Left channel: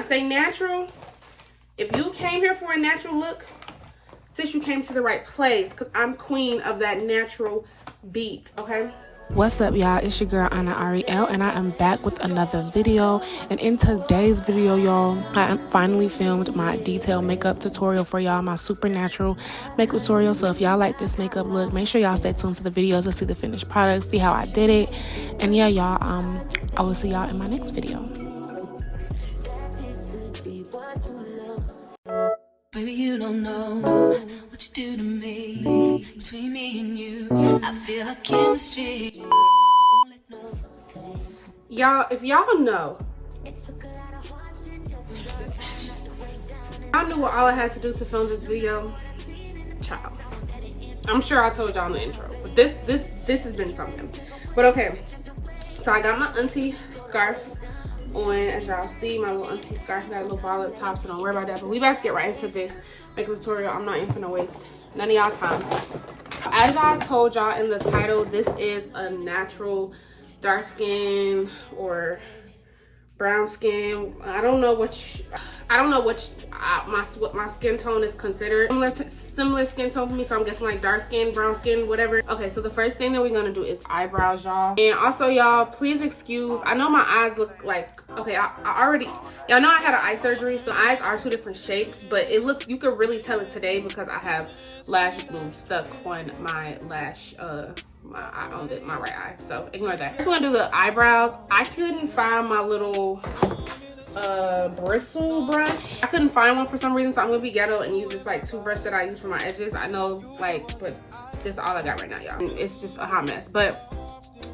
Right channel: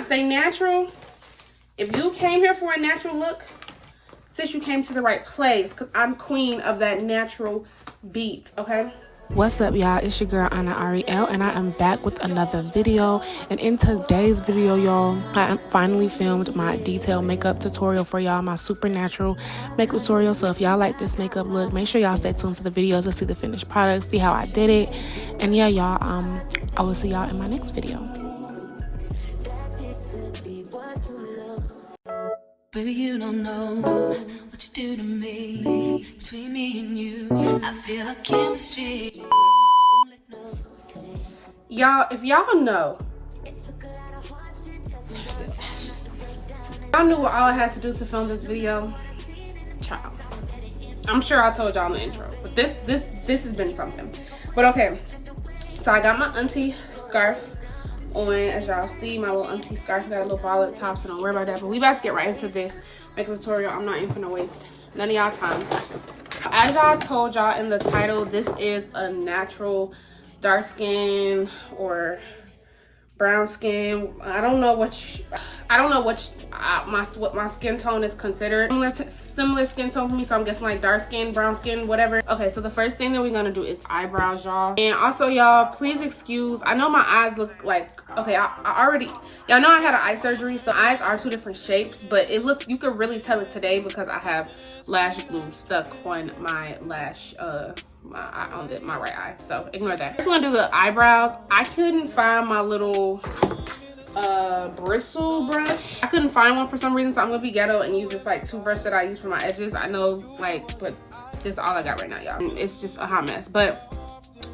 I say natural, if you came here for a natural look, sis, you came to the right place, because I'm queen of that natural beat, okay? What's up, y'all? It's your girl Anna Ariel, and I am back with another video. And in today's video, y'all, I finally filmed my detailed makeup tutorial for y'all, my supernatural makeup tutorial. So if y'all like this makeup look, make sure y'all stay tuned to the videos to see the finished product, see how I did it. And yeah, y'all, I will see y'all in my next video. Baby, you don't know what you do to me. Between me and you, I feel like chemistry. Y'all, if y'all know, y'all knew what all I had to do to film this video, child. I'm sure I told y'all in the intro, but this has been something. But okay, so I got my auntie scarf on, as y'all see, my little auntie scarf. Got a little ball at the top, so don't worry about that. But we about to get right into this makeup tutorial. I'm not even gonna waste none of y'all time. As y'all told y'all in the title, this is a natural dark skin or brown skin. I don't know what my skin tone is considered. Similar skin tone for me, so I'm guessing like dark skin, brown skin, whatever. Okay, so the first thing that we're gonna do is eyebrows, y'all. And also, y'all, please excuse, I know my eyes look like, okay, I already, y'all know I had an eye surgery, so eyes are two different shapes, but it looks, you could really tell it today because I have lash glue stuck on my lash, my right eye, so ignore that. Just want to do the eyebrows. I couldn't find my little bristle brush. I couldn't find one for some reason, so I'm gonna be ghetto and use this like toothbrush that I use for my edges. I know, like, but this is all I got right now, y'all. It's just a hot mess. But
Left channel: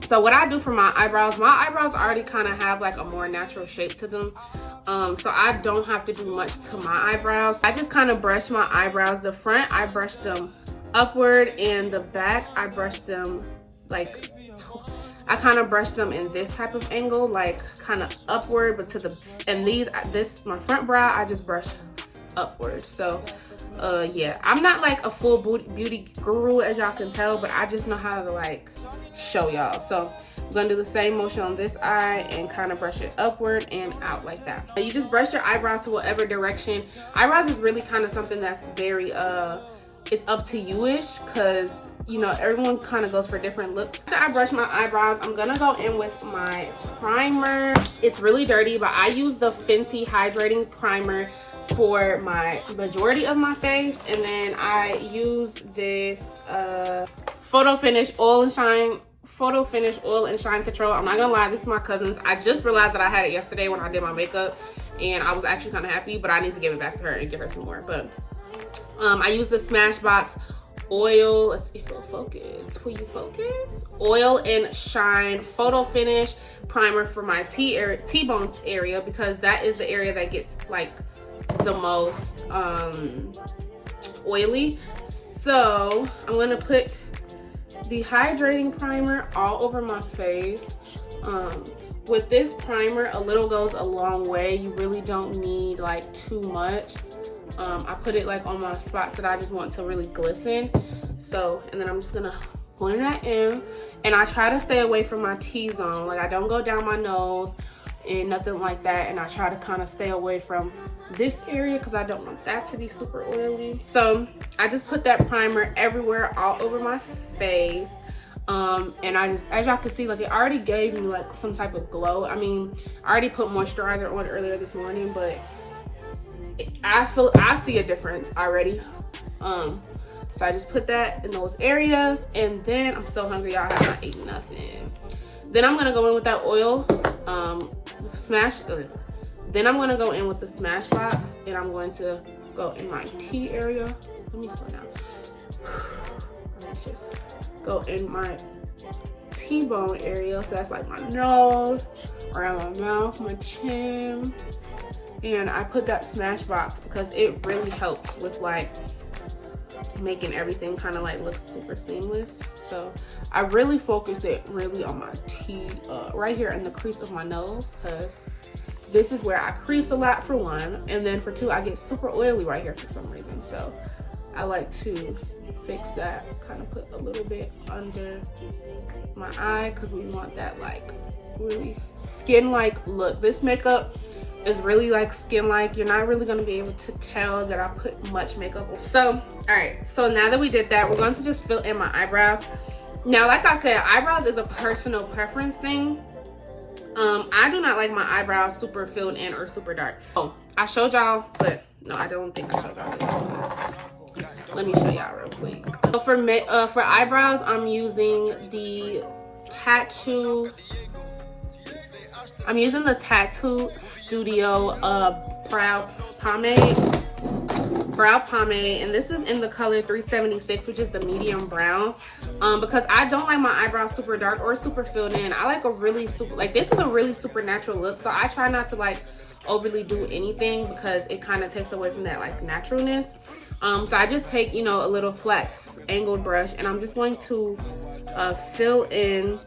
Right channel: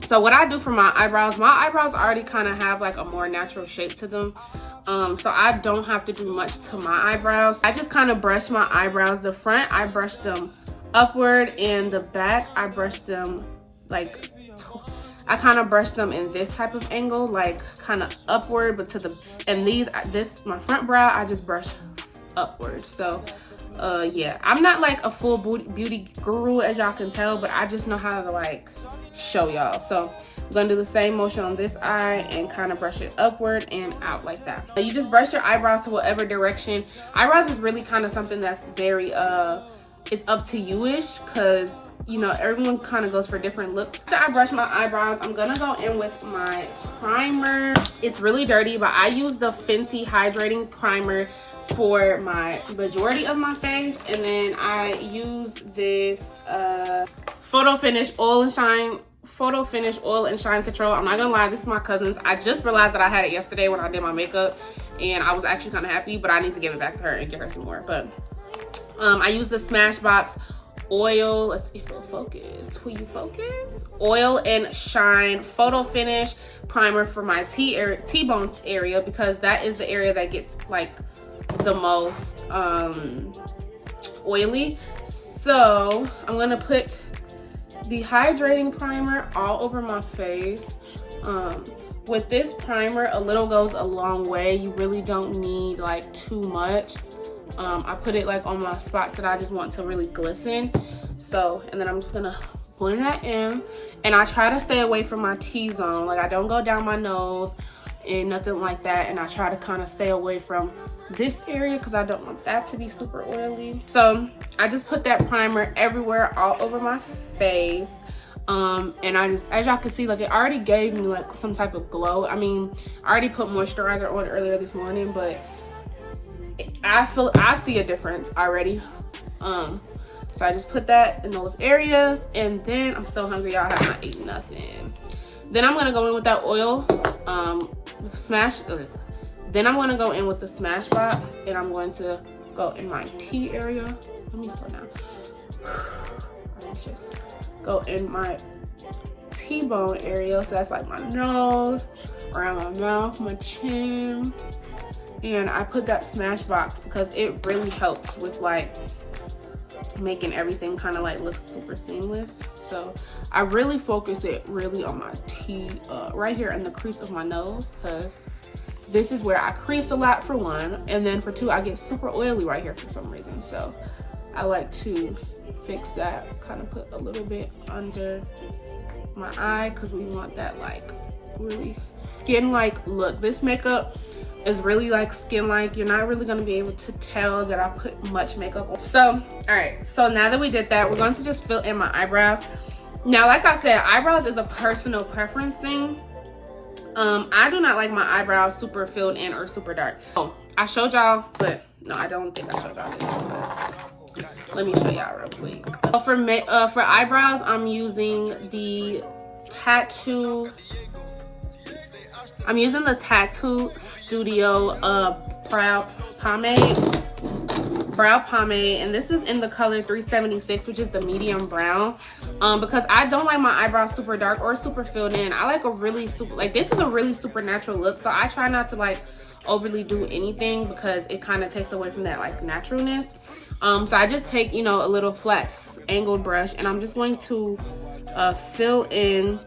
so what I do for my eyebrows already kind of have like a more natural shape to them, so I don't have to do much to my eyebrows. I just kind of brush my eyebrows. The front, I brush them upward, and the back, I brush them like, I kind of brush them in this type of angle, like kind of upward, but to the, and my front brow, I just brush upward. So yeah, I'm not like a full beauty guru, as y'all can tell, but I just know how to like show y'all. So I'm gonna do the same motion on this eye and kind of brush it upward and out like that. So you just brush your eyebrows to whatever direction. Eyebrows is really kind of something that's very it's up to you-ish, because you know everyone kind of goes for different looks. After I brush my eyebrows, I'm gonna go in with my primer. It's really dirty, but I use the Fenty hydrating primer for my majority of my face, and then I use this Photo Finish Oil and Shine Control. I'm not gonna lie, this is my cousin's. I just realized that I had it yesterday when I did my makeup, and I was actually kind of happy, but I need to give it back to her and get her some more. But I use the Smashbox oil, let's see if it'll focus. Will you focus? Oil and Shine Photo Finish primer for my T-bone area, because that is the area that gets like the most oily. So I'm gonna put the hydrating primer all over my face. With this primer, a little goes a long way. You really don't need like too much. I put it like on my spots that I just want to really glisten. So, and then I'm just gonna blend that in, and I try to stay away from my T-zone. Like, I don't go down my nose and nothing like that, and I try to kind of stay away from this area because I don't want that to be super oily. So I just put that primer everywhere, all over my face. And I just, as y'all can see, like, it already gave me like some type of glow. I mean, I already put moisturizer on earlier this morning, but I see a difference already. So I just put that in those areas, and then I'm so hungry, y'all. I have not eaten nothing. Then I'm gonna go in with that oil, then I'm gonna go in with the Smashbox, and I'm going to go in my T area. Let me slow down. Just go in my T-bone area, so that's like my nose, around my mouth, my chin. And I put that Smashbox because it really helps with like making everything kind of like look super seamless. So I really focus it really on my T, right here in the crease of my nose, because this is where I crease a lot, for one, and then for two, I get super oily right here for some reason. So I like to fix that, kind of put a little bit under my eye, because we want that like really skin-like look. This makeup is really like skin-like. You're not really going to be able to tell that I put much makeup on. So, all right. So now that we did that, we're going to just fill in my eyebrows. Now, like I said, eyebrows is a personal preference thing. I do not like my eyebrows super filled in or super dark. Oh, I showed y'all, but no, I don't think I showed y'all this. Let me show y'all real quick. So for eyebrows, I'm using the Tattoo Studio brow pomade, and this is in the color 376, which is the medium brown. Because I don't like my eyebrows super dark or super filled in. I like a really this is a really super natural look, so I try not to like overly do anything because it kind of takes away from that like naturalness. So I just take, you know, a little flat angled brush, and I'm just going to fill in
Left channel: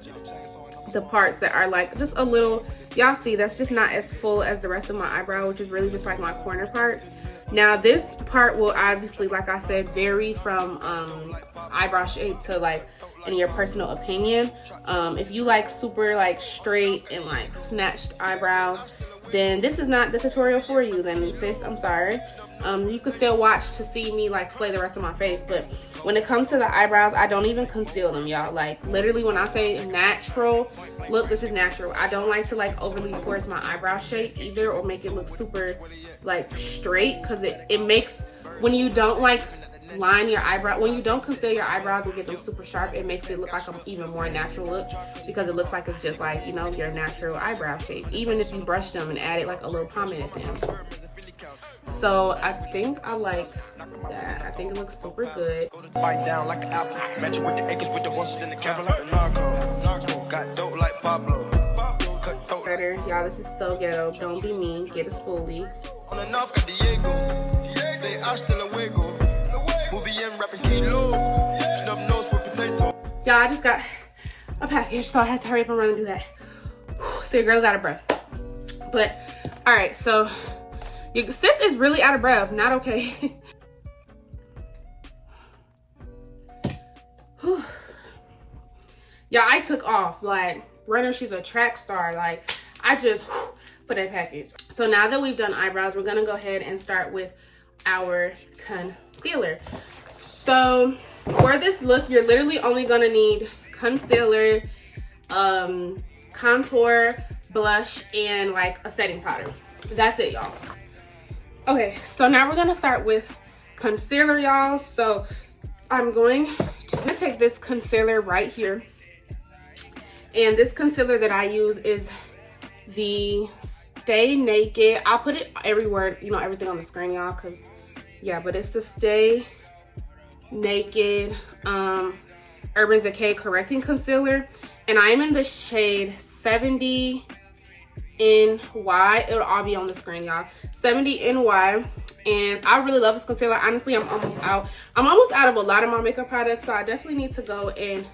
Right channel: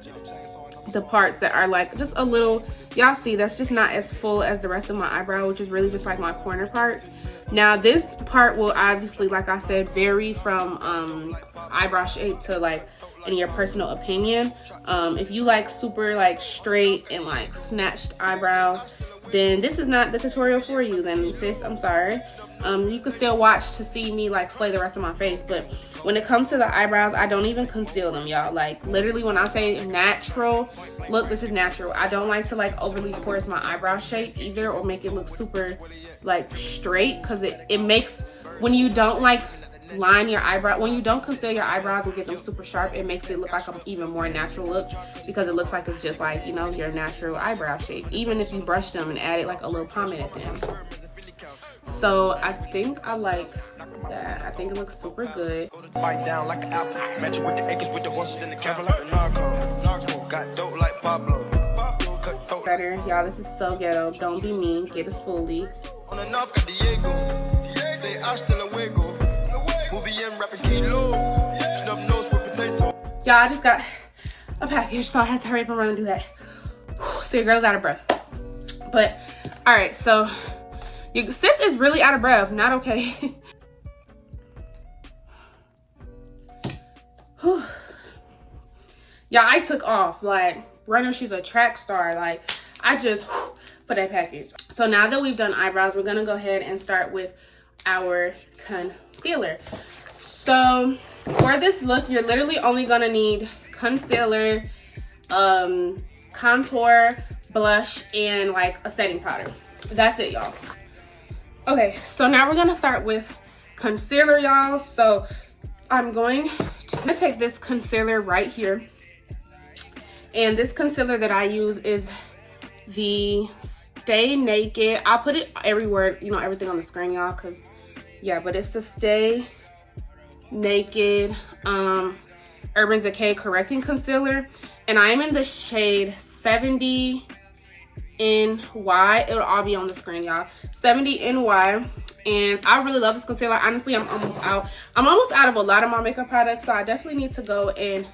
the parts that are like just a little, y'all see that's just not as full as the rest of my eyebrow, which is really just like my corner parts. Now this part will obviously, like I said, vary from eyebrow shape to like in your personal opinion. If you like super like straight and like snatched eyebrows, then this is not the tutorial for you. Then sis, I'm sorry. You can still watch to see me like slay the rest of my face, but when it comes to the eyebrows, I don't even conceal them, y'all. Like literally when I say natural look, this is natural. I don't like to like overly force my eyebrow shape either or make it look super like straight, because it makes, when you don't like line your eyebrow, when you don't conceal your eyebrows and get them super sharp, it makes it look like an even more natural look, because it looks like it's just like, you know, your natural eyebrow shape, even if you brush them and added like a little pomade at the end. So I think I like that. I think it looks super good. Bite down like an apple. Match with the acres with the horses in the cabin like a narco. Got dope like Pablo. Better, y'all. This is so ghetto. Don't be mean. Get a spoolie. On and off got Diego. Say hasta luego. We'll be in rapping kilo. Snub nose with potato. Y'all, I just got a package, so I had to hurry up and run and do that. So your girl's out of breath. But all right, so your sis is really out of breath. Not okay. Y'all, I took off like runner. She's a track star. Like I just put that package. So now that we've done eyebrows, we're gonna go ahead and start with our concealer. So for this look, you're literally only gonna need concealer, contour, blush, and like a setting powder. That's it, y'all. Okay, so now we're gonna start with concealer, y'all. So I'm going to take this concealer right here, and this concealer that I use is the Stay Naked. I'll put it everywhere, you know, everything on the screen, y'all, because yeah, but it's the Stay Naked Urban Decay Correcting Concealer, and I am in the shade 70 NY. It'll all be on the screen, y'all. 70 NY, and I really love this concealer. Honestly, I'm almost out of a lot of my makeup products, so I definitely need to go and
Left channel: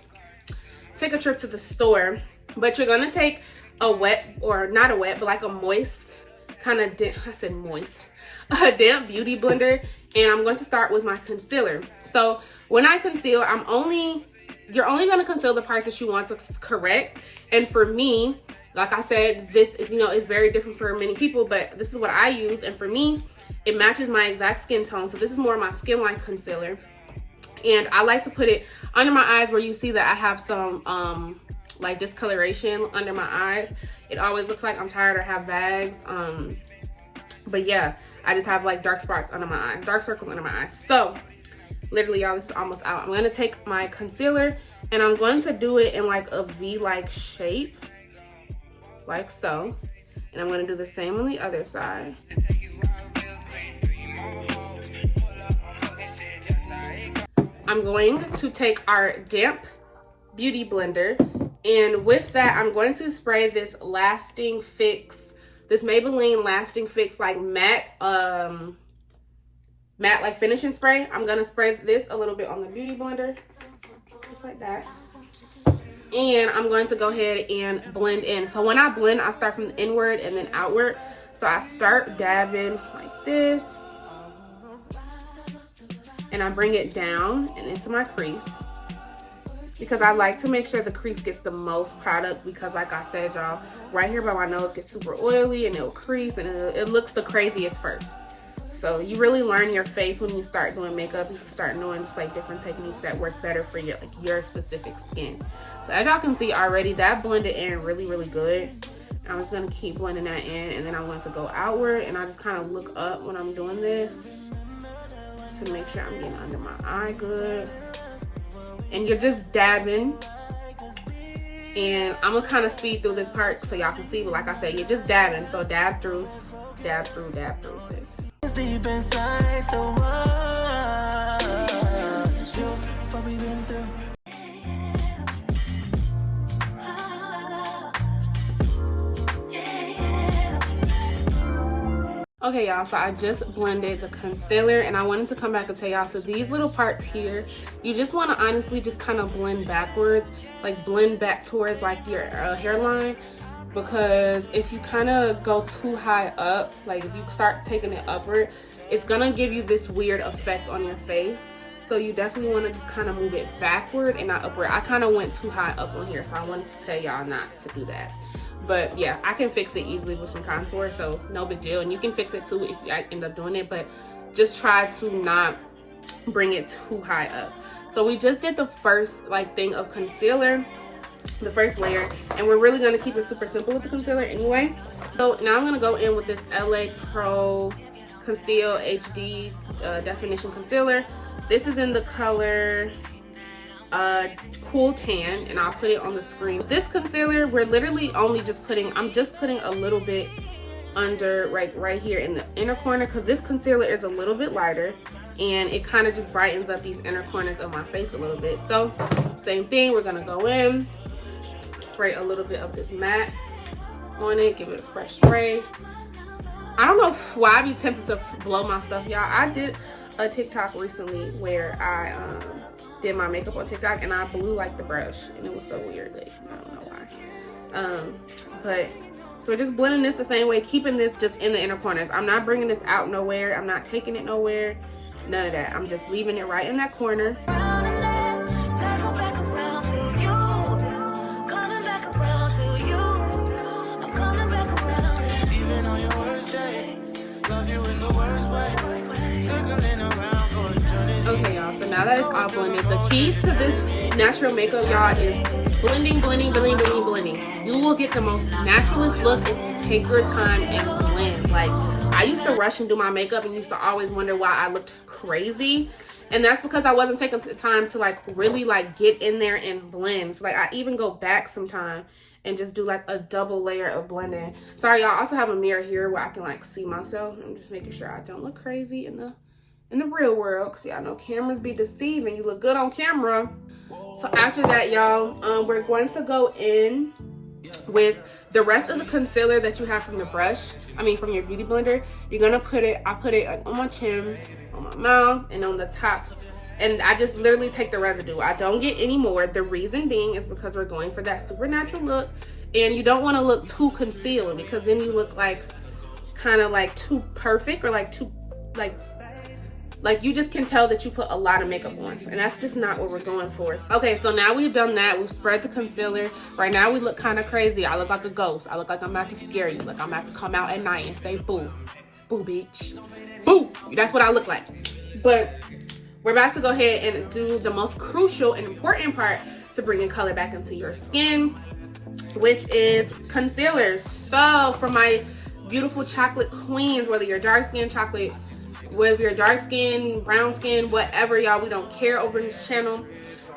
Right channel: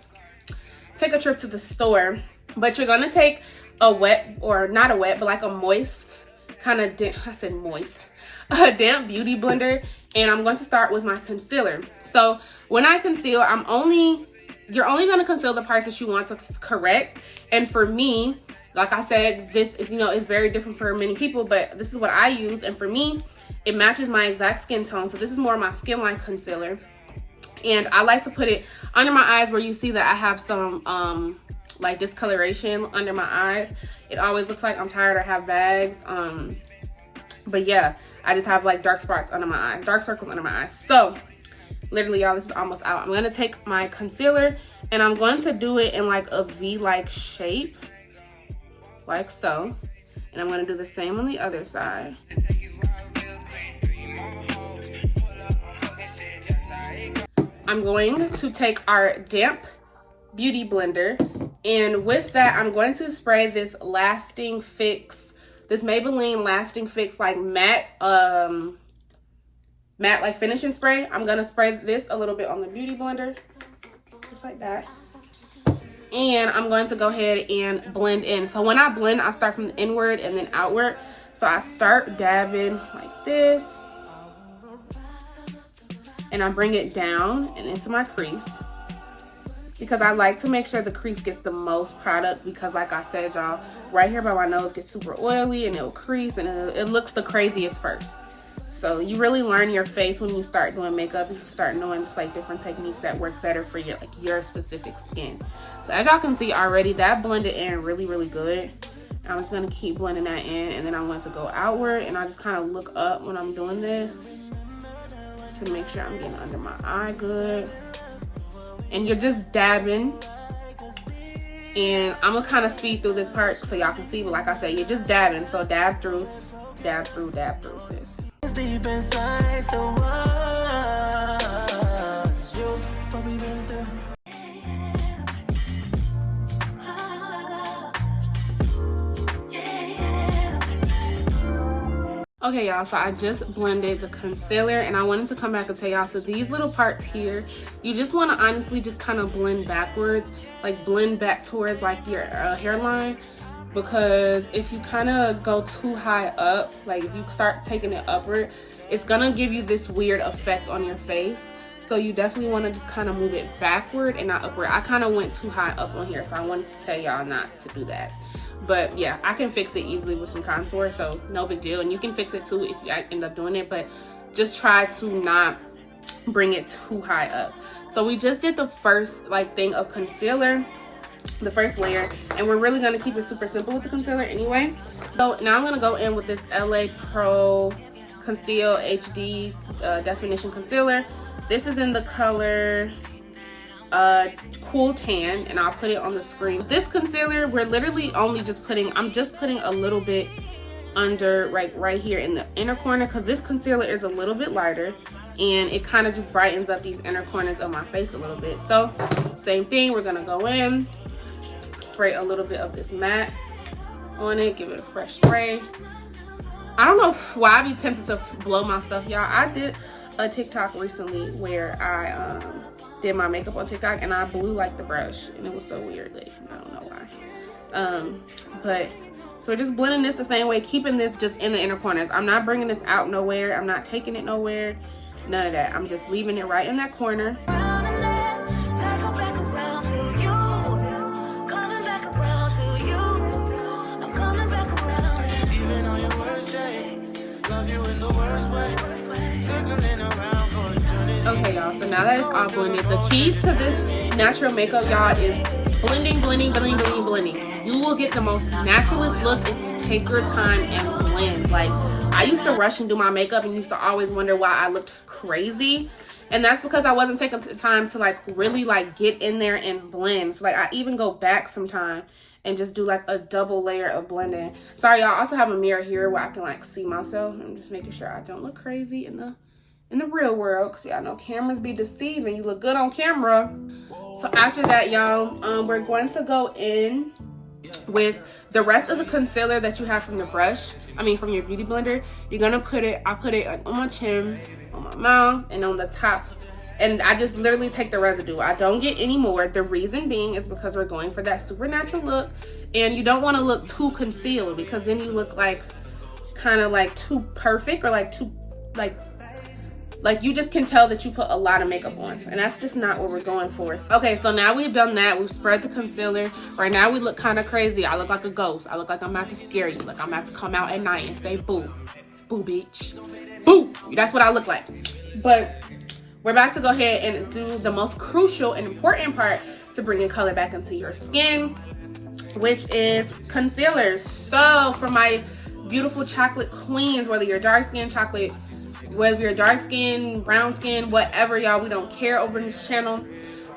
take a trip to the store. But you're gonna take a wet, or not a wet, but like a moist kind of, I said moist, a damp beauty blender, and I'm going to start with my concealer. So when I conceal, you're only going to conceal the parts that you want to correct. And for me, like I said, this is, you know, it's very different for many people, but this is what I use, and for me, it matches my exact skin tone. So this is more my skin-like concealer, and I like to put it under my eyes where you see that I have some like discoloration under my eyes. It always looks like I'm tired or have bags. But yeah, I just have like dark spots under my eyes, dark circles under my eyes. So literally, y'all, this is almost out. I'm gonna take my concealer and I'm going to do it in like a V-like shape, like so. And I'm gonna do the same on the other side. I'm going to take our damp beauty blender, and with that, I'm going to spray this Lasting Fix, this Maybelline Lasting Fix like matte like finishing spray. I'm gonna spray this a little bit on the beauty blender, just like that. And I'm going to go ahead and blend in. So when I blend, I start from inward and then outward. So I start dabbing like this, and I bring it down and into my crease, because I like to make sure the crease gets the most product, because like I said, y'all, right here by my nose gets super oily and it'll crease and it looks the craziest first. So you really learn your face when you start doing makeup. You start knowing just like different techniques that work better for your specific skin. So as y'all can see already, that blended in really, really good. I'm just gonna keep blending that in, and then I'm going to go outward, and I just kind of look up when I'm doing this to make sure I'm getting under my eye good. And you're just dabbing. And I'm gonna kind of speed through this part so y'all can see, but like I said, you're just dabbing. So dab through, dab through, dab through, sis. Deep inside, so what we've been through. Okay, y'all, so I just blended the concealer, and I wanted to come back and tell y'all, so these little parts here, you just want to honestly just kind of blend backwards, like blend back towards like your hairline, because if you kind of go too high up, like if you start taking it upward, it's gonna give you this weird effect on your face. So you definitely want to just kind of move it backward and not upward. I kind of went too high up on here, so I wanted to tell y'all not to do that. But yeah, I can fix it easily with some contour, so no big deal. And you can fix it too if you end up doing it, but just try to not bring it too high up. So we just did the first like thing of concealer, the first layer, and we're really gonna keep it super simple with the concealer anyway. So now I'm gonna go in with this LA Pro Conceal HD Definition Concealer. This is in the color Cool Tan, and I'll put it on the screen. This concealer, we're literally only just putting, I'm just putting a little bit under right here in the inner corner, because this concealer is a little bit lighter and it kind of just brightens up these inner corners of my face a little bit. So same thing, we're gonna go in, spray a little bit of this matte on it, give it a fresh spray. I don't know why I be tempted to blow my stuff, y'all. I did a TikTok recently where I did my makeup on TikTok, and I blew like the brush, and it was so weird. Like, I don't know why. But so we're just blending this the same way, keeping this just in the inner corners. I'm not bringing this out nowhere. I'm not taking it nowhere. None of that. I'm just leaving it right in that corner. Okay, y'all, so now that it's all blended, the key to this natural makeup, y'all, is blending, blending, blending, blending, blending. You will get the most naturalist look if you take your time and blend. Like, I used to rush and do my makeup and used to always wonder why I looked crazy. And that's because I wasn't taking the time to like really like get in there and blend. So like I even go back sometime and just do like a double layer of blending. Sorry, y'all, I also have a mirror here where I can like see myself. I'm just making sure I don't look crazy in the real world, because y'all know cameras be deceiving. You look good on camera. So after that, y'all, we're going to go in with the rest of the concealer that you have from your brush, from your beauty blender. You're gonna put it, I put it like on my chin, on my mouth, and on the top, and I just literally take the residue. I don't get any more. The reason being is because we're going for that supernatural look, and you don't want to look too concealed, because then you look like kind of like too perfect, or like too like you just can tell that you put a lot of makeup on, and that's just not what we're going for. Okay, so now we've done that. We've spread the concealer. Right now we look kind of crazy. I look like a ghost. I look like I'm about to scare you. Like I'm about to come out at night and say boo. Boo, bitch. Boo. That's what I look like. But we're about to go ahead and do the most crucial and important part to bringing color back into your skin, which is concealers. So for my beautiful chocolate queens, whether you're dark skin, chocolate, whether you're dark skin, brown skin, whatever, y'all, we don't care over in this channel.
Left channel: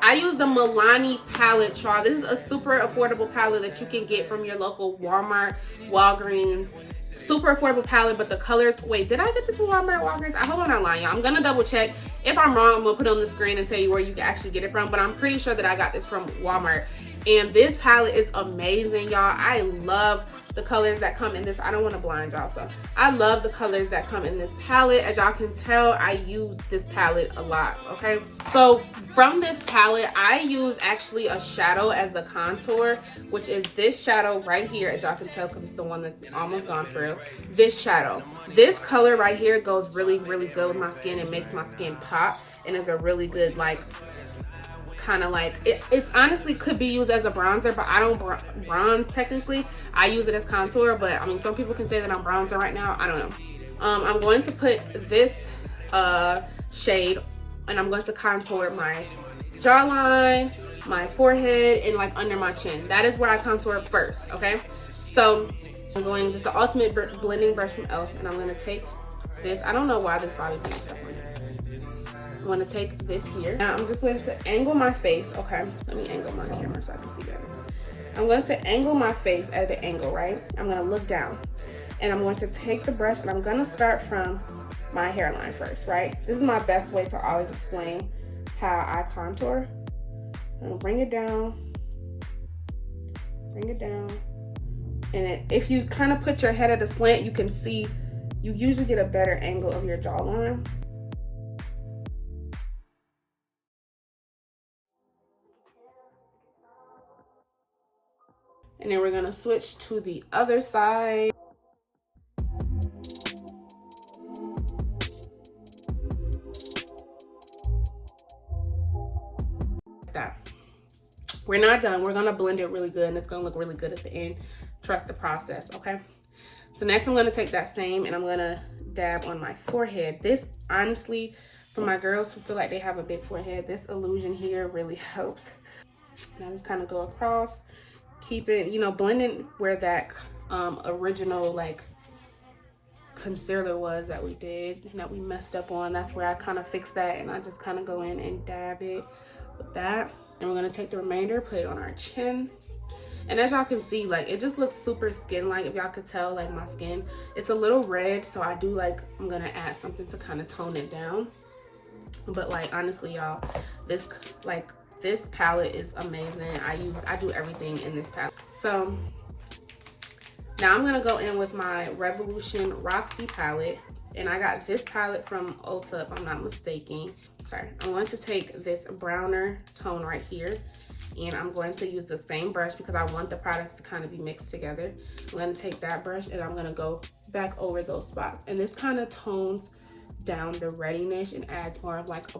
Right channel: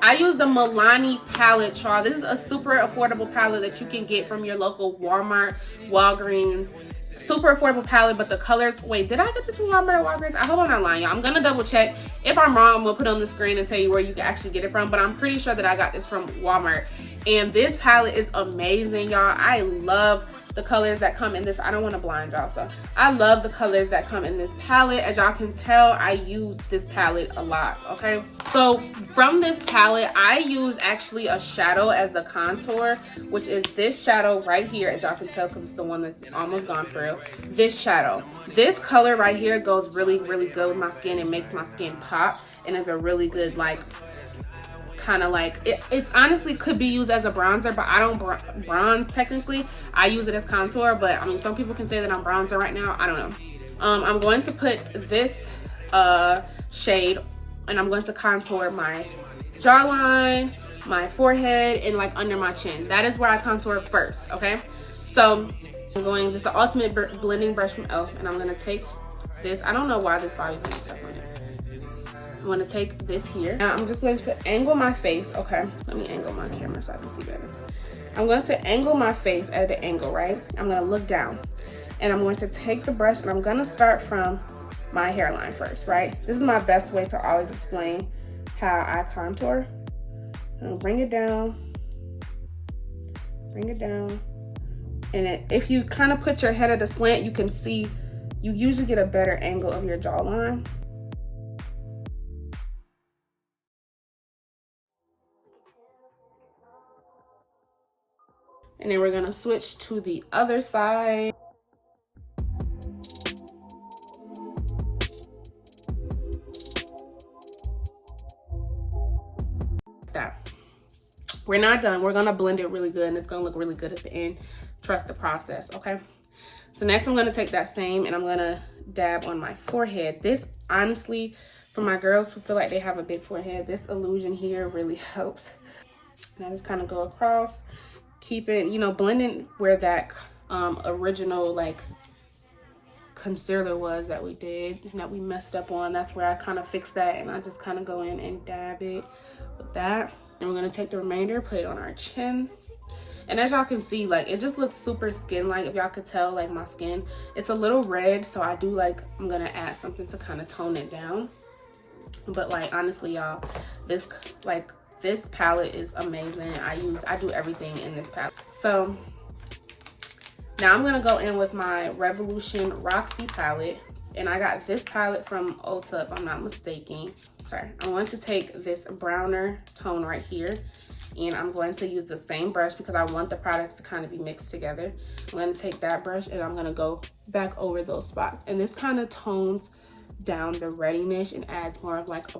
I use the Milani Palette, y'all. This is a super affordable palette that you can get from your local Walmart, Walgreens. Super affordable palette, but the colors, wait, did I get this from Walmart, Walgreens? I hope I'm not lying, y'all. I'm gonna double check. If I'm wrong, I'm gonna put it on the screen and tell you where you can actually get it from, but I'm pretty sure that I got this from Walmart. And this palette is amazing, y'all. I love the colors that come in this. I don't want to blind y'all, so I love the colors that come in this palette. As y'all can tell, I use this palette a lot, okay? So from this palette, I use actually a shadow as the contour, which is this shadow right here, as y'all can tell, because it's the one that's almost gone through. This shadow. This color right here goes really, really good with my skin. It makes my skin pop, and is a really good, like, kind of like, it's honestly could be used as a bronzer, but I don't bronze technically. I use it as contour, but I mean, some people can say that I'm bronzer right now. I don't know. I'm going to put this shade, and I'm going to contour my jawline, my forehead, and like under my chin. That is where I contour first, okay? So I'm going, this is the ultimate blending brush from e.l.f. and I'm gonna take this. I don't know why this body put stuff on it. I'm gonna take this here. Now I'm just going to angle my face, okay? Let me angle my camera so I can see better. I'm going to angle my face at the angle, right? I'm gonna look down, and I'm going to take the brush, and I'm gonna start from my hairline first, right? This is my best way to always explain how I contour. I'm gonna bring it down, and if you kind of put your head at a slant, you can see, you usually get a better angle of your jawline. And then we're gonna switch to the other side. That. We're not done. We're gonna blend it really good, and it's gonna look really good at the end. Trust the process, okay? So next I'm gonna take that same, and I'm gonna dab on my forehead. This, honestly, for my girls who feel like they have a big forehead, this illusion here really helps. And I just kind of go across, keep it, you know, blending where that original like concealer was that we did and that we messed up on. That's where I kind of fix that, and I just kind of go in and dab it with that. And we're gonna take the remainder, put it on our chin. And as y'all can see, like, it just looks super skin-like. If y'all could tell, like, my skin, it's a little red, so I do, like, I'm gonna add something to kind of tone it down. But, like, honestly, y'all, this palette is amazing. I do everything in this palette. So now I'm gonna go in with my Revolution Roxy palette, and I got this palette from Ulta, if I'm not mistaken. Sorry, I'm going to take this browner tone right here, and I'm going to use the same brush because I want the products to kind of be mixed together. I'm going to take that brush, and I'm going to go back over those spots, and this kind of tones down the reddiness and adds more of like a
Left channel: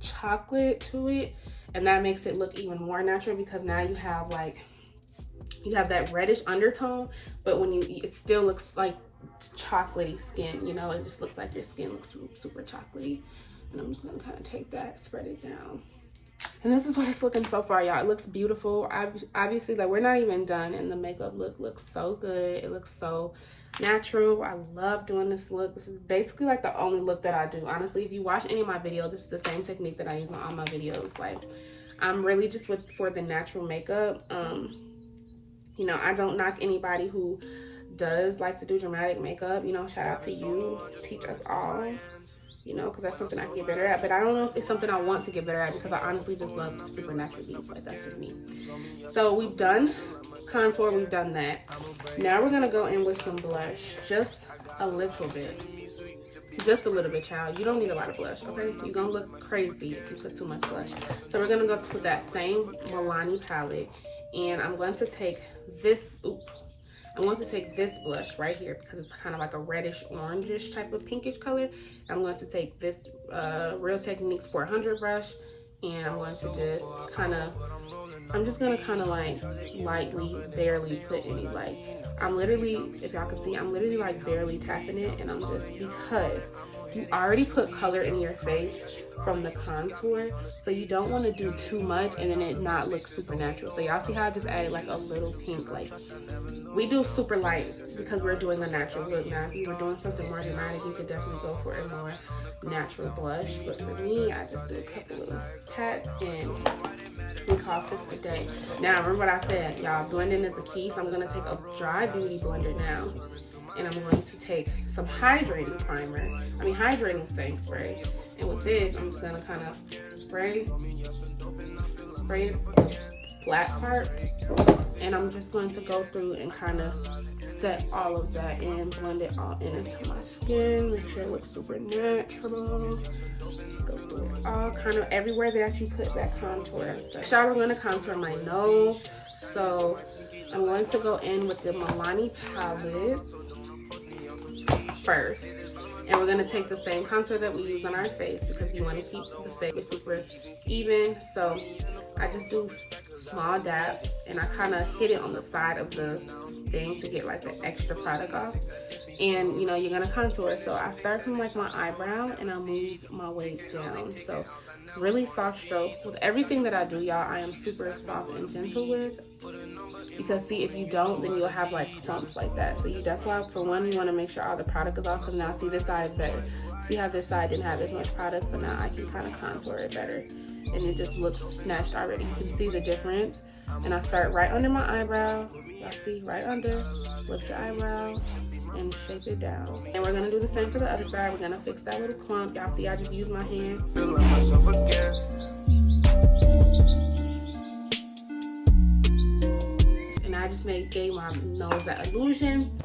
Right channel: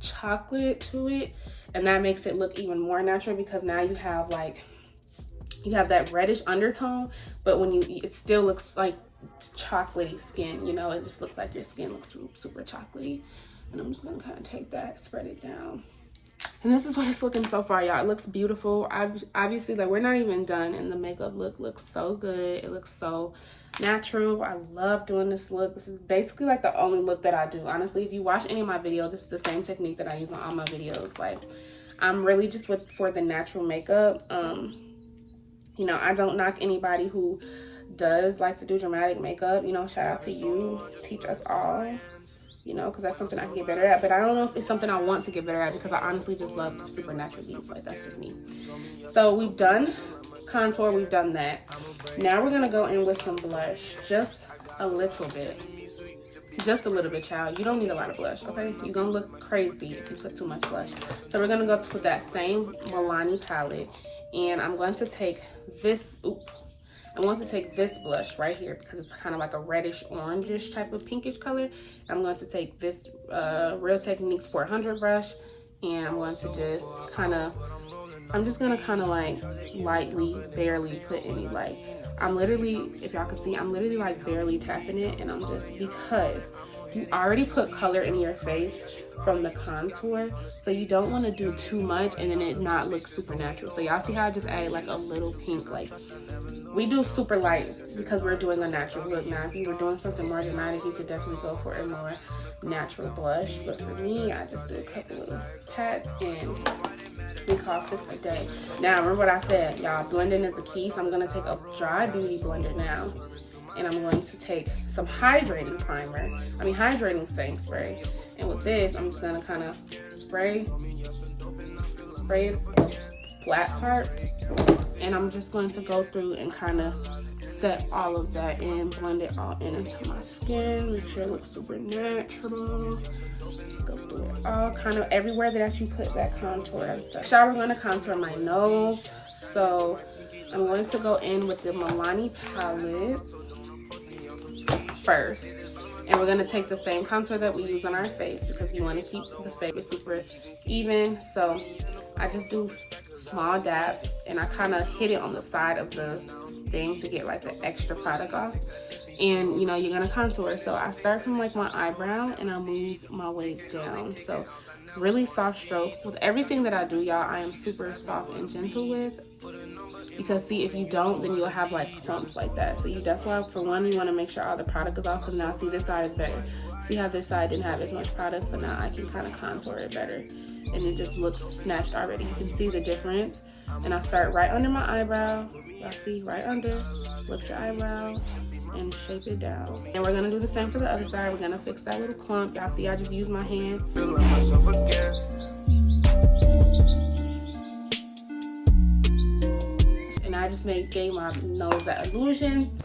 chocolate to it, and that makes it look even more natural because now you have that reddish undertone, but when it still looks like chocolatey skin, you know, it just looks like your skin looks super chocolatey. And I'm just gonna kind of take that, spread it down. And this is what it's looking so far, y'all. It looks beautiful. Obviously, like, we're not even done, and the makeup look looks so good. It looks so natural. I love doing this look. This is basically like the only look that I do. Honestly, if you watch any of my videos, it's the same technique that I use on all my videos. Like, I'm really just for the natural makeup. You know, I don't knock anybody who does like to do dramatic makeup. You know, shout out to you. Teach us all. You know, because that's something I can get better at. But I don't know if it's something I want to get better at because I honestly just love supernatural looks. Like, that's just me. So we've done contour, we've done that. Now we're gonna go in with some blush, just a little bit. Just a little bit, child. You don't need a lot of blush, okay? You're gonna look crazy if you put too much blush. So we're gonna go with that same Milani palette, and I'm going to take this. I'm going to take this blush right here because it's kind of like a reddish orangish type of pinkish color. I'm going to take this Real Techniques 400 brush, and I'm going to just kind of, like lightly, barely put any, like, I'm literally, if y'all can see, I'm literally like barely tapping it, and I'm just, because you already put color in your face from the contour, so you don't want to do too much and then it not look super natural. So y'all see how I just added like a little pink, like, we do super light because we're doing a natural look. Now if you were doing something more dramatic, you could definitely go for a more natural blush, but for me, I just do a couple little pats, and we call this a day. Now remember what I said, y'all, blending is the key. So I'm going to take a dry beauty blender now, and I'm going to take some hydrating setting spray, and with this I'm just going to kind of spray the flat part, and I'm just going to go through and kind of set all of that in, blend it all into my skin, make sure it looks super natural. Just go through it all, kind of everywhere that you put that contour and stuff. Now we're going to contour my nose, so I'm going to go in with the Milani Palette first. And we're gonna take the same contour that we use on our face because you want to keep the face super even. So I just do small dabs and I kind of hit it on the side of the thing to get like the extra product off. And you know, you're gonna contour. So I start from like my eyebrow and I move my way down. So really soft strokes. With everything that I do, y'all, I am super soft and gentle with. Because see, if you don't, then you'll have like clumps like that. So that's why, for one, you want to make sure all the product is off. Because now, see, this side is better. See how this side didn't have as much product, so now I can kind of contour it better, and it just looks snatched already. You can see the difference. And I start right under my eyebrow. Y'all see, right under. Lift your eyebrow and shape it down. And we're gonna do the same for the other side. We're gonna fix that little clump. Y'all see, I just use my hand. I just gave my nose that illusion.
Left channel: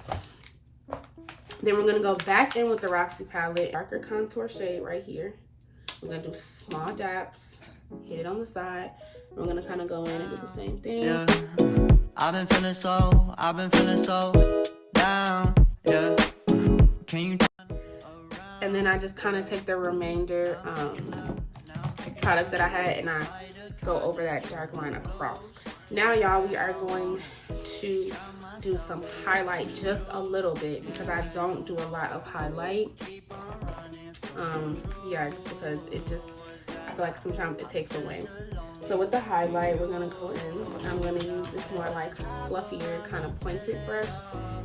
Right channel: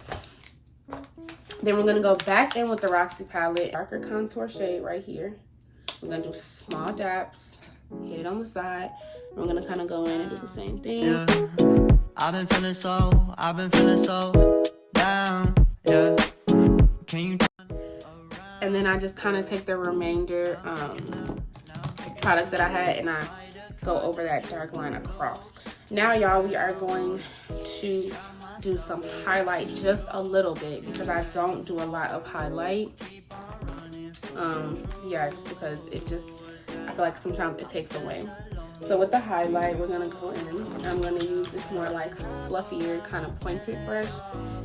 Then we're gonna go back in with the Roxy palette, darker contour shade right here. We're gonna do small dabs, hit it on the side. We're gonna kind of go in and do the same thing. Yeah. I've been feeling so down. Yeah. Can you? And then I just kind of take the remainder product that I had and I go over that dark line across. Now, y'all, we are going to do some highlight just a little bit because I don't do a lot of highlight. Yeah, just because I feel like sometimes it takes away. So with the highlight, we're gonna go in. I'm gonna use this more like fluffier kind of pointed brush,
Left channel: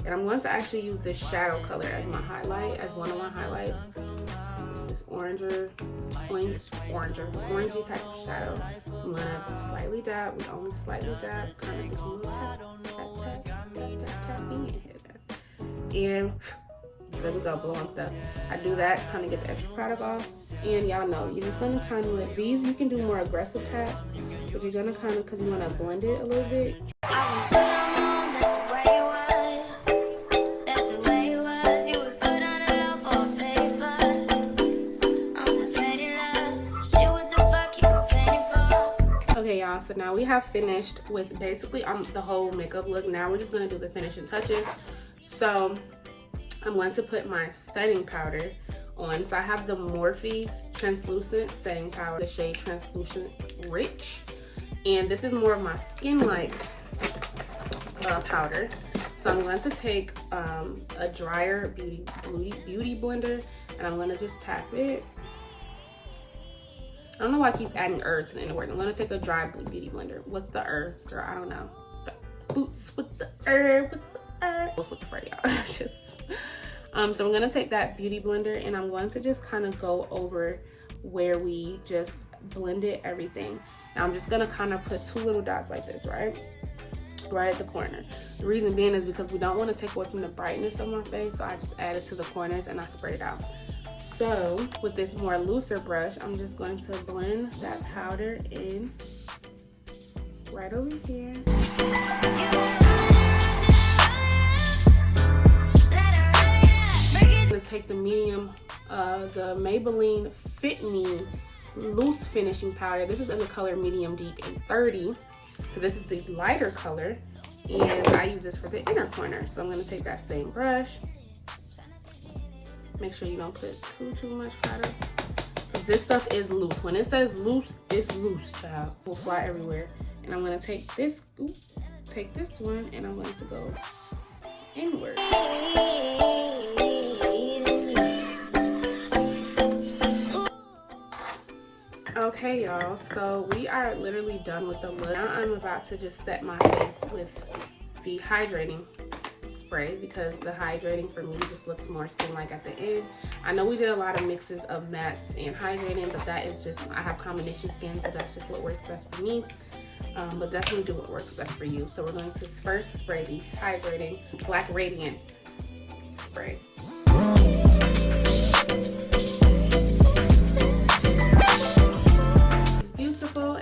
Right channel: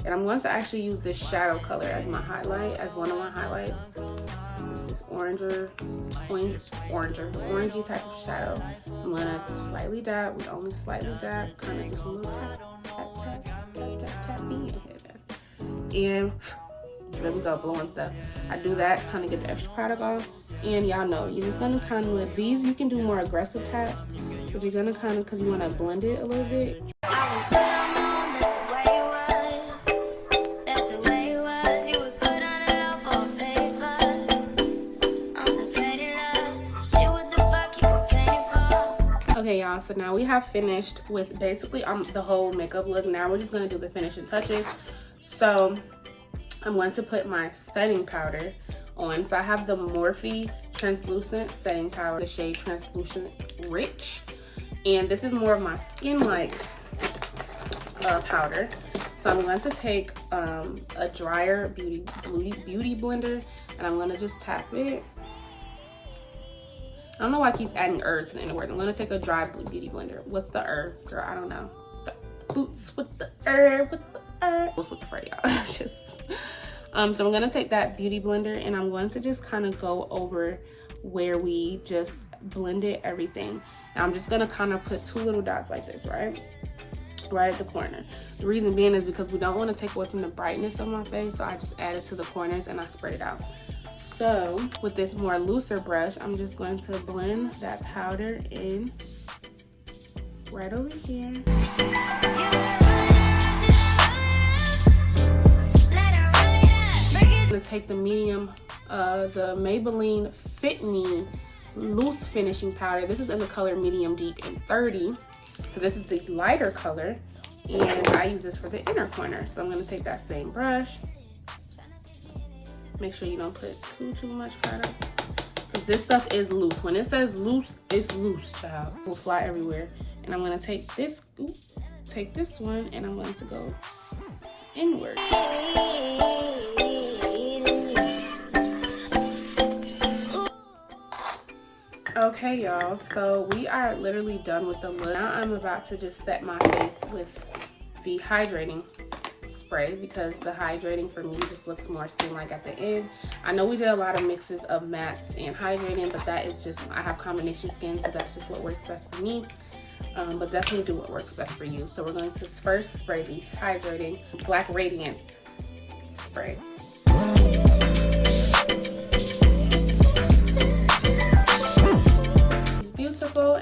and I'm going to actually use this shadow color as my highlight, as one of my highlights. It's this orangey type of shadow. I'm gonna slightly dab. We only slightly dab, kind of just a little tap, and there we go, blowing stuff. I do that, kind of get the extra product off. And y'all know, you're just gonna kind of let these, you can do more aggressive taps, but you're gonna kind of, because you want to blend it a little bit. I was good on my own, that's the way it was. That's the way it was. You was good on the low for a favor. I'm so faded love. Shit, what the fuck you complaining for? Okay, y'all, so now we have finished with basically the whole makeup look. Now we're just gonna do the finishing touches. So I'm going to put my setting powder on. So I have the Morphe Translucent Setting Powder, the shade Translucent Rich. And this is more of my skin-like powder. So I'm going to take a drier beauty blender, and I'm going to just tap it. I don't know why I keep adding to the end word. I'm going to take a dry beauty blender. What's the girl? I don't know. The boots with the What's with the fur, y'all? So I'm gonna take that beauty blender and I'm going to just kind of go over where we just blended everything. Now I'm just gonna kind of put two little dots like this, right at the corner. The reason being is because we don't want to take away from the brightness of my face, so I just add it to the corners and I spread it out. So with this more looser brush, I'm just going to blend that powder in right over here. To take the medium, the Maybelline Fit Me loose finishing powder. This is in the color medium deep in 30. So this is the lighter color, and I use this for the inner corner. So I'm going to take that same brush. Make sure you don't put too much product, because this stuff is loose. When it says loose, it's loose, child. It will fly everywhere. And I'm going to take this one, and I'm going to go inward. Okay, y'all, so we are literally done with the look. Now I'm about to just set my face with the hydrating spray, because the hydrating for me just looks more skin-like at the end. I know we did a lot of mixes of mattes and hydrating, but that is just, I have combination skin, so that's just what works best for me. But definitely do what works best for you. So we're going to first spray the hydrating Black Radiance spray.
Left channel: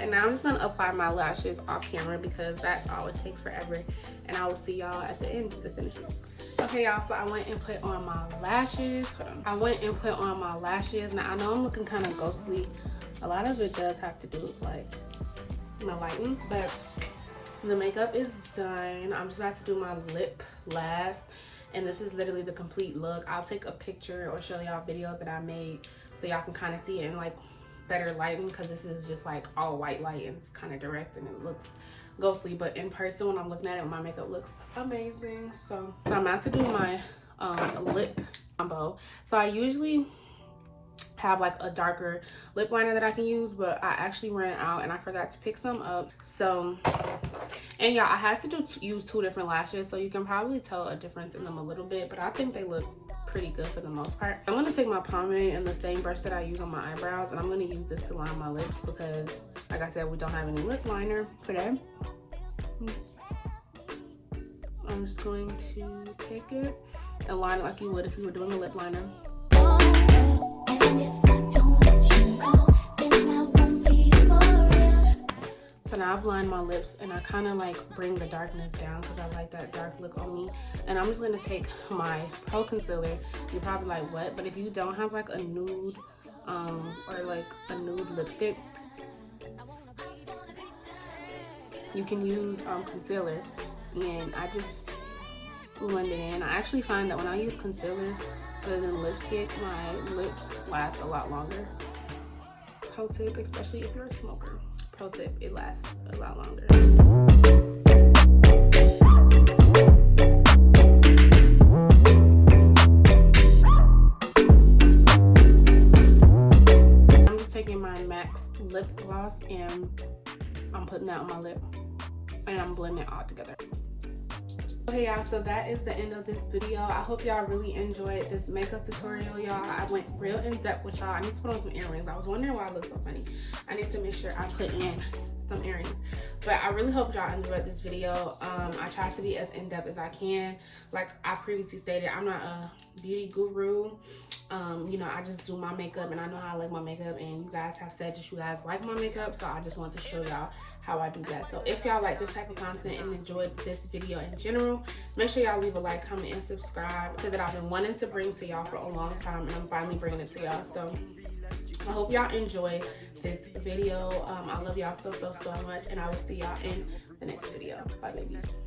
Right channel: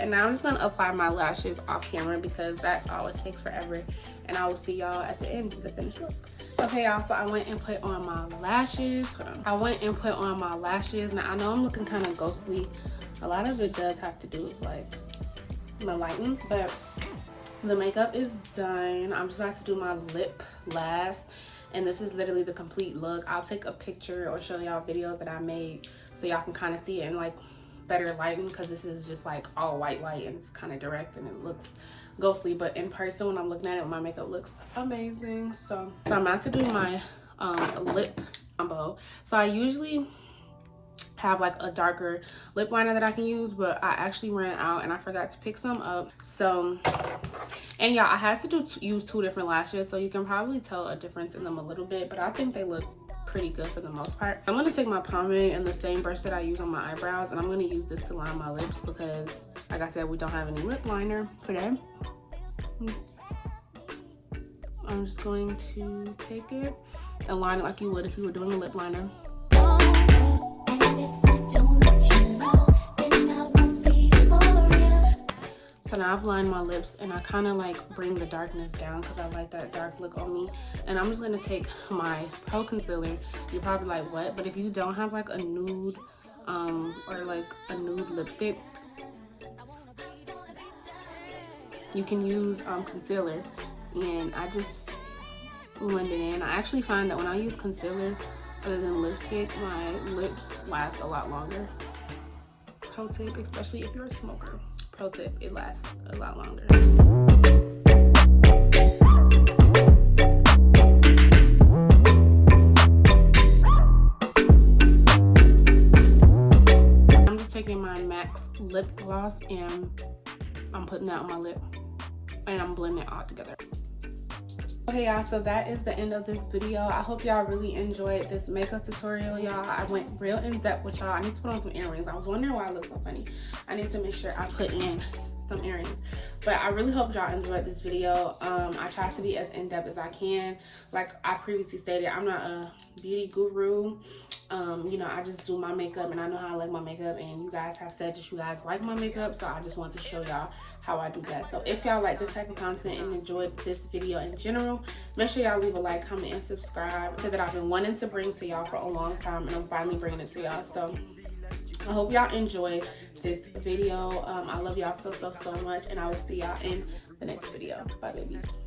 And now I'm just gonna apply my lashes off camera because that always takes forever, and I will see y'all at the end of the finish look. Okay, y'all, so I went and put on my lashes. Now I know I'm looking kind of ghostly. A lot of it does have to do with like my lighting, but the makeup is done. I'm just about to do my lip last, and this is literally the complete look. I'll take a picture or show y'all videos that I made so y'all can kind of see it in like better lighting, because this is just like all white light and it's kind of direct and it looks ghostly, but in person when I'm looking at it, my makeup looks amazing. So I'm about to do my lip combo. So I usually have like a darker lip liner that I can use, but I actually ran out and I forgot to pick some up. So, and yeah, I had to use 2 different lashes, so you can probably tell a difference in them a little bit, but I think they look pretty good for the most part. I'm going to take my pomade and the same brush that I use on my eyebrows, and I'm going to use this to line my lips because, like I said, we don't have any lip liner today. I'm just going to take it and line it like you would if you were doing a lip liner. So now I've lined my lips and I kind of like bring the darkness down because I like that dark look on me. And I'm just going to take my Pro Concealer. You're probably like, what? But if you don't have like a nude or like a nude lipstick, you can use concealer. And I just blend it in. I actually find that when I use concealer other than lipstick, my lips last a lot longer. Pro tip, especially if you're a smoker. Pro tip, it lasts a lot longer. I'm just taking my MAC's lip gloss and I'm putting that on my lip and I'm blending it all together. Okay, y'all, so that is the end of this video. I hope y'all really enjoyed this makeup tutorial, y'all. I went real in depth with y'all. I need to put on some earrings. I was wondering why I look so funny. I need to make sure I put in some earrings. But I really hope y'all enjoyed this video. I try to be as in depth as I can. Like I previously stated, I'm not a beauty guru. You know, I just do my makeup and I know how I like my makeup, and you guys have said that you guys like my makeup, so I just want to show y'all how I do that. So if y'all like this type of content and enjoyed this video in general, make sure y'all leave a like, comment, and subscribe. So that I've been wanting to bring to y'all for a long time, and I'm finally bringing it to y'all. So I hope y'all enjoyed this video. I love y'all so much, and I will see y'all in the next video. Bye, babies.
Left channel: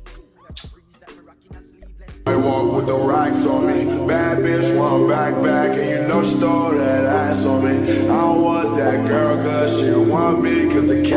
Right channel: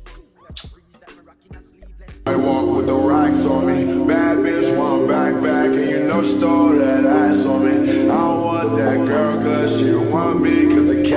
I walk with the racks on me. Bad bitch want back, and you know she stole that ass on me. I don't want that girl cause she want me, cause the cat